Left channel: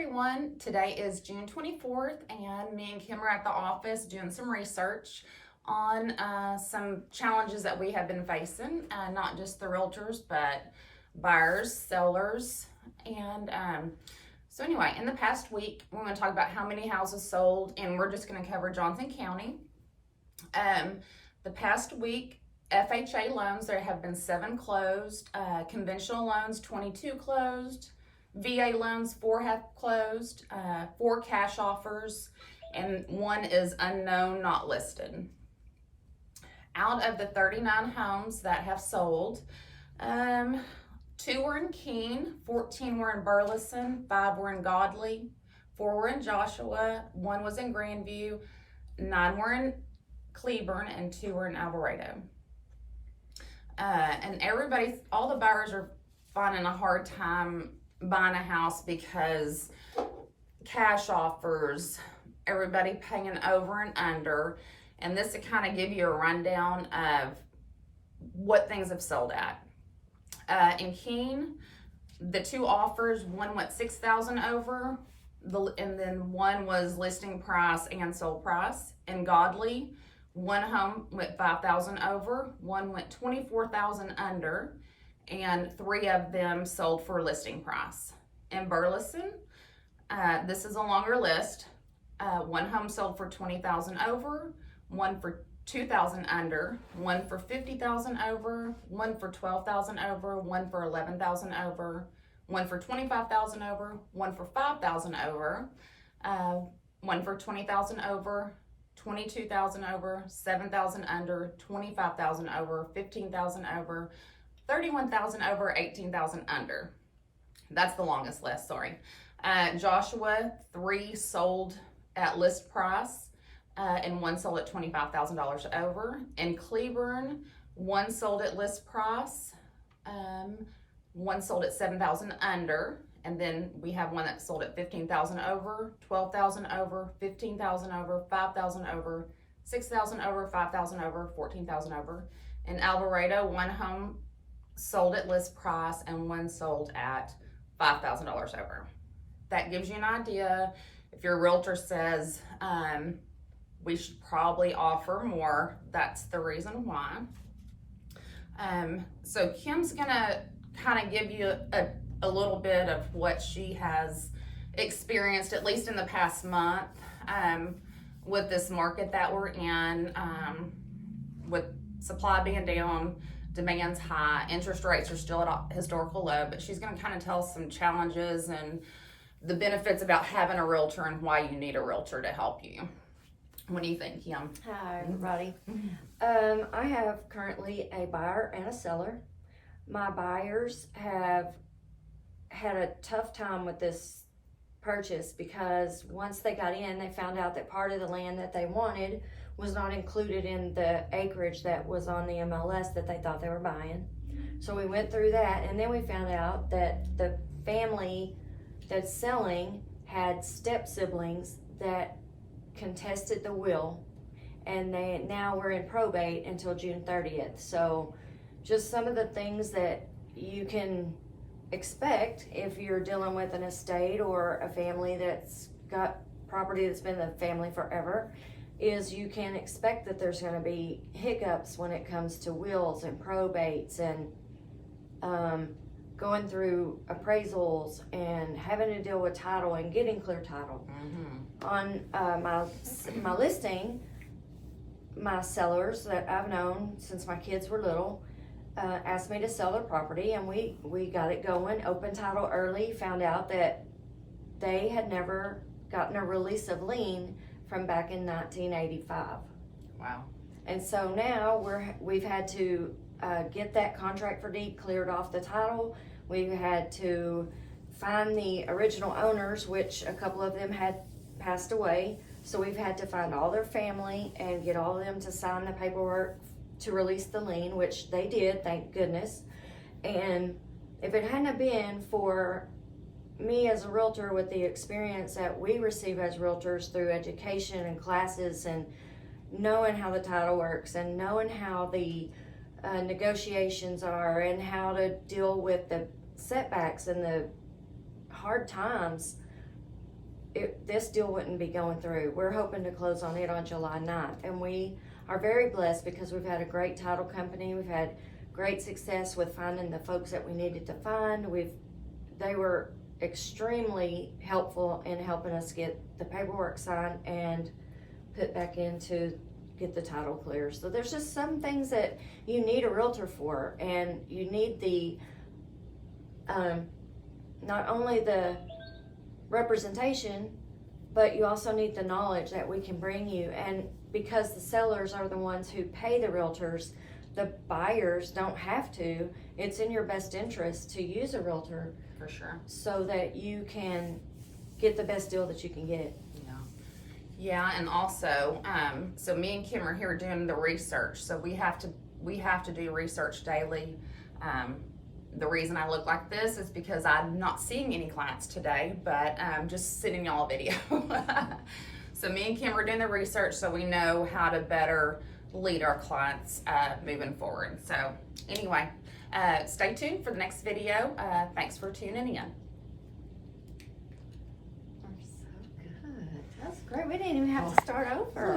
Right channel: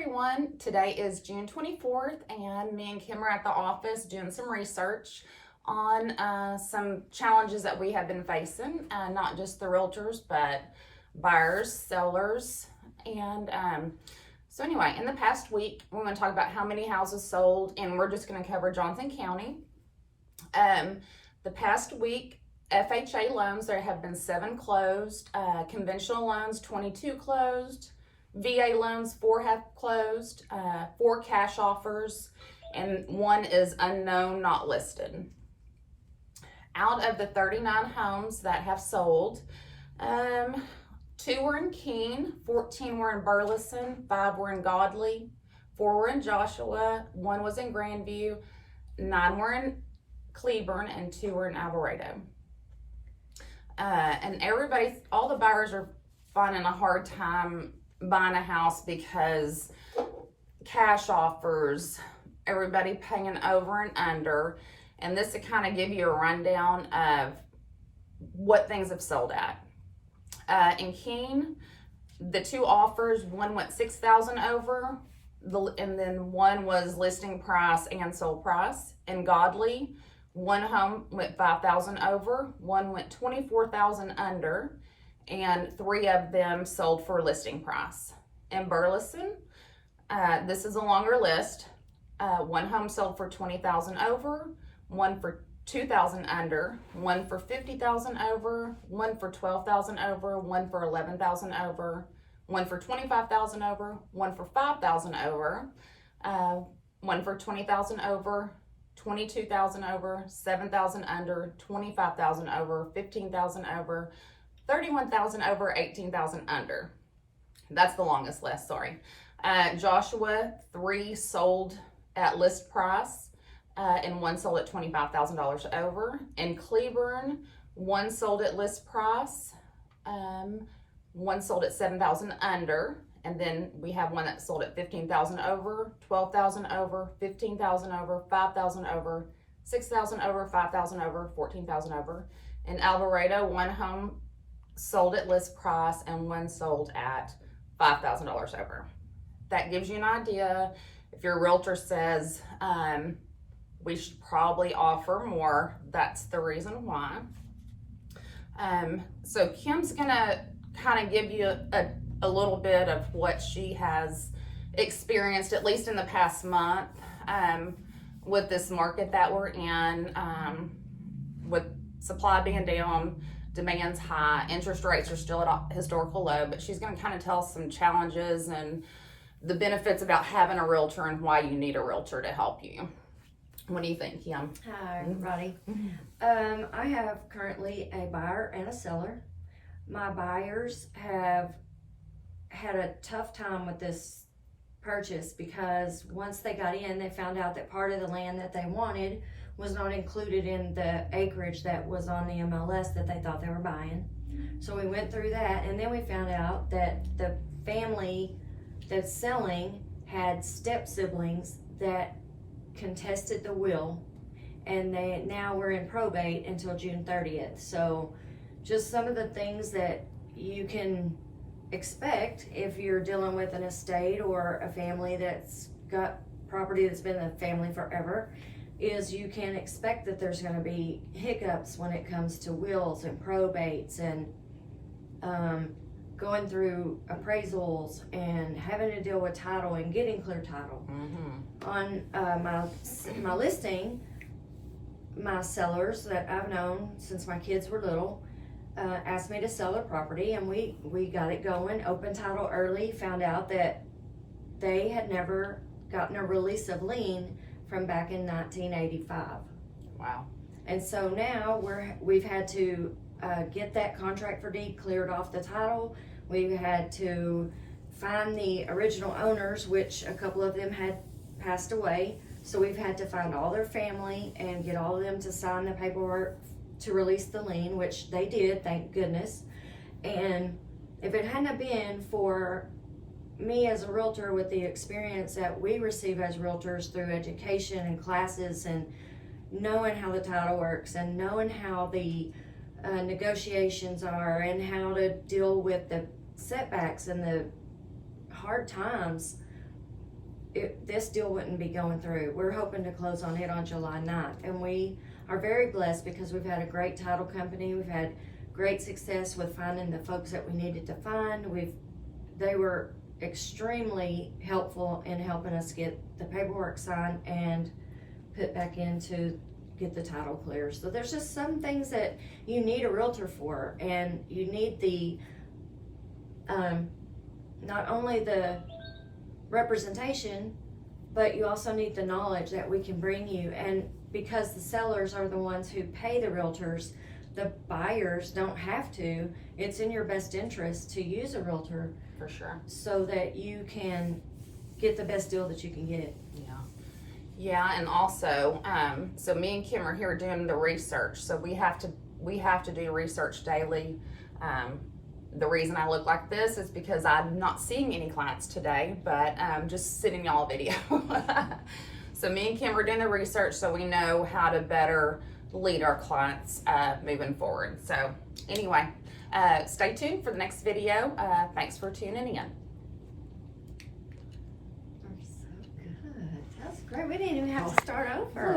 everyone. Today is June 24th and me and Kim are at the office doing some research on some challenges that we have been facing, not just the realtors, but buyers, sellers, and so anyway, in the past week, we're going to talk about how many houses sold, and we're just going to cover Johnson County. The past week, FHA loans, there have been 7 closed, conventional loans, 22 closed, VA loans, 4 have closed, 4 cash offers, and 1 is unknown, not listed. Out of the 39 homes that have sold, 2 were in Keene, 14 were in Burleson, 5 were in Godley, 4 were in Joshua, 1 was in Grandview, 9 were in Cleburne, and 2 were in Alvarado. And everybody, all the buyers are finding a hard time buying a house because cash offers, everybody paying over and under. And this to kind of give you a rundown of what things have sold at. In Keene, the 2 offers, 1 went $6,000 over, and then 1 was listing price and sold price. In Godley, 1 home went $5,000 over, 1 went $24,000 under, and 3 of them sold for listing price. In Burleson, this is a longer list. 1 home sold for $20,000 over, 1 for $2,000 under, 1 for $50,000 over, 1 for $12,000 over, 1 for $11,000 over, 1 for $25,000 over, 1 for $5,000 over, 1 for $20,000 over, $22,000 over, $7,000 under, $25,000 over, $15,000 over, $31,000 over, $18,000 under. That's the longest list, sorry. Joshua, 3 sold at list price, and 1 sold at $25,000 over. In Cleburne, 1 sold at list price, 1 sold at $7,000 under, and then we have 1 that sold at $15,000 over, $12,000 over, $15,000 over, $5,000 over, $6,000 over, $5,000 over, $14,000 over. In Alvarado, 1 home sold at list price and 1 sold at $5,000 over. That gives you an idea. If your realtor says we should probably offer more, that's the reason why. So Kim's gonna kind of give you a little bit of what she has experienced, at least in the past month, with this market that we're in, with supply being down, demand's high, interest rates are still at a historical low, but she's going to kind of tell us some challenges and the benefits about having a realtor and why you need a realtor to help you. What do you think, Kim? Hi, everybody. I have currently a buyer and a seller. My buyers have had a tough time with this purchase because once they got in, they found out that part of the land that they wanted was not included in the acreage that was on the MLS that they thought they were buying. So we went through that, and then we found out that the family that's selling had step siblings that contested the will, and they now we're in probate until June 30th. So just some of the things that you can expect if you're dealing with an estate or a family that's got property that's been a family forever, is you can expect that there's going to be hiccups when it comes to wills and probates and going through appraisals and having to deal with title and getting clear title. On my listing, my sellers that I've known since my kids were little asked me to sell their property, and we got it going, open title early, found out that they had never gotten a release of lien from back in 1985. Wow. And so now we've had to get that contract for deed cleared off the title. We've had to find the original owners, which a couple of them had passed away. So we've had to find all their family and get all of them to sign the paperwork to release the lien, which they did, thank goodness. And if it hadn't been for me as a realtor with the experience that we receive as realtors through education and classes and knowing how the title works and knowing how the negotiations are and how to deal with the setbacks and the hard times this deal wouldn't be going through. We're hoping to close on it on July 9th, and we are very blessed because we've had a great title company. We've had great success with finding the folks that we needed to find. They were extremely helpful in helping us get the paperwork signed and put back in to get the title clear. So there's just some things that you need a realtor for, and you need the not only the representation, but you also need the knowledge that we can bring you. And because the sellers are the ones who pay the realtors, the buyers don't have to. It's in your best interest to use a realtor For sure. so that you can get the best deal that you can get. Yeah, and also, so me and Kim are here doing the research. So we have to do research daily. The reason I look like this is because I'm not seeing any clients today, but just sending y'all a video. So me and Kim are doing the research so we know how to better lead our clients moving forward. So anyway, stay tuned for the next video. Thanks for tuning in. That's great. We didn't even have to start over.